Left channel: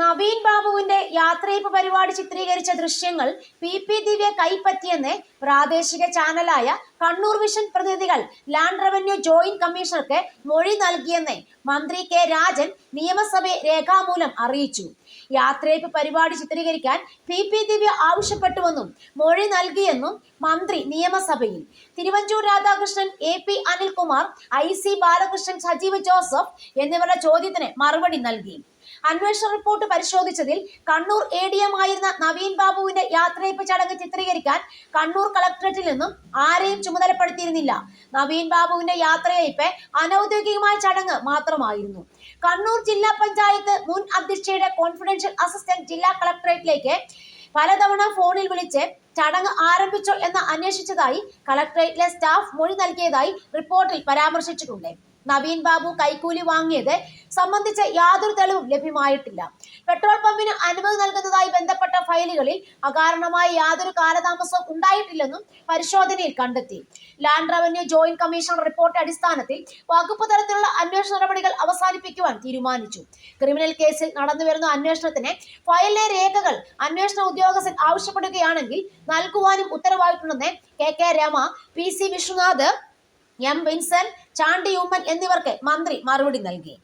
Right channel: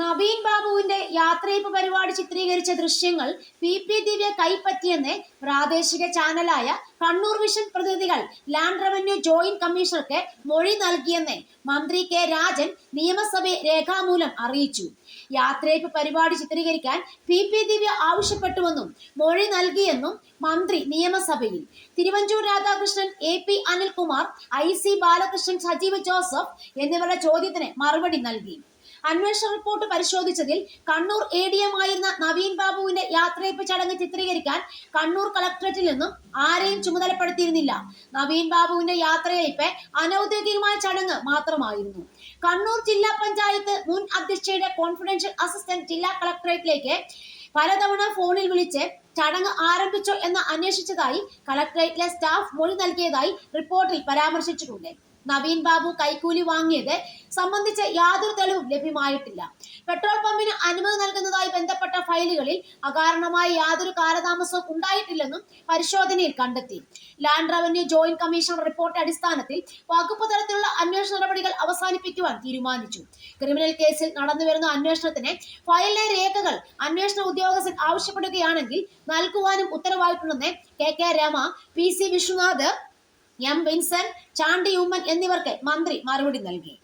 നവീൻ ബാബുവിന്റെ യാത്രയപ്പ് പരിപാടി ചിത്രീകരിച്ച ദൃശ്യങ്ങൾ പി ദിവ്യ കൈപ്പറ്റിയെന്ന് പ്രാദേശിക ചാനലായ കണ്ണൂർ വിഷൻ പ്രതിനിധികൾ ലാൻഡ് റവന്യൂ ജോയിന്റ് കമ്മീഷണർക്ക് മൊഴി നൽകിയെന്ന് മന്ത്രി കെ രാജൻ നിയമസഭയെ രേഖാമൂലം അറിയിച്ചു. യാത്രയപ്പ് പരിപാടി ചിത്രീകരിക്കാൻ പി ദിവ്യ ആവശ്യപ്പെട്ടുവെന്നും മൊഴി നൽകിയെന്നും മന്ത്രി നിയമസഭയിൽ. Thiruvanchoor Radhakrishnan, AP Anilkumar, IC Balakrishnan, Sajeev Joseph എന്നിവരുടെ ചോദ്യത്തിന് മറുപടി നൽകി. അന്വേഷണ റിപ്പോർട്ട് പരിശോധിച്ചതിൽ കണ്ണൂർ ADM ആയിരുന്ന നവീൻ ബാബുവിന്റെ യാത്രയപ്പ് ചടങ്ങ് ചിത്രീകരിക്കാൻ കണ്ണൂർ കളക്ടറേറ്റിൽ നിന്നും ആരെയും ചുമതലപ്പെടുത്തിയിരുന്നില്ല. നവീൻ ബാബുവിന്റെ യാത്രയപ്പ് അനൌദ്യോഗികമായ ചടങ്ങ് മാത്രമായിരുന്നു. കണ്ണൂർ ജില്ലാ പഞ്ചായത്ത് മുൻ അധ്യക്ഷയുടെ കോൺഫിഡൻഷ്യൽ അസിസ്റ്റന്റ് ജില്ലാ കളക്ടറേറ്റിലേക്ക് പലതവണ ഫോണിൽ വിളിച്ച് ചടങ്ങ് ആരംഭിച്ചോ എന്ന് അന്വേഷിച്ചതായി കളക്ടറേറ്റിലെ സ്റ്റാഫ് മൊഴി നൽകിയതായി റിപ്പോർട്ടിൽ പരാമർശിച്ചിട്ടുണ്ട്. നവീൻ ബാബു കൈക്കൂലി വാങ്ങിയത് സംബന്ധിച്ച് യാതൊരു തെളിവും ലഭ്യമായിട്ടില്ല. പെട്രോൾ പമ്പിന് അനുമതി നൽകുന്നതായി ബന്ധപ്പെട്ട ഫയലുകളിൽ അകാരണമായി യാതൊരു കാലതാമസവും ഉണ്ടായിട്ടില്ലെന്നും പരിശോധനയിൽ കണ്ടെത്തി. Land revenue joint commission report അടിസ്ഥാനത്തിൽ വകുപ്പ് തലത്തിലുള്ള അന്വേഷണ നടപടികൾ അവസാനിപ്പിക്കുവാൻ തീരുമാനിച്ചു. ക്രിമിനൽ കേസിൽ നടന്നുവരുന്ന അന്വേഷണത്തിന് ഫയലിലെ രേഖകൾ അന്വേഷണ ഉദ്യോഗസ്ഥൻ ആവശ്യപ്പെടുകയാണെങ്കിൽ നൽകുവാനും ഉത്തരവായിട്ടുണ്ടെന്ന് KK Rama, PC Viswanath, M Vincent, Chandy Oommen എന്നിവർക്ക് മന്ത്രി മറുപടി നൽകി.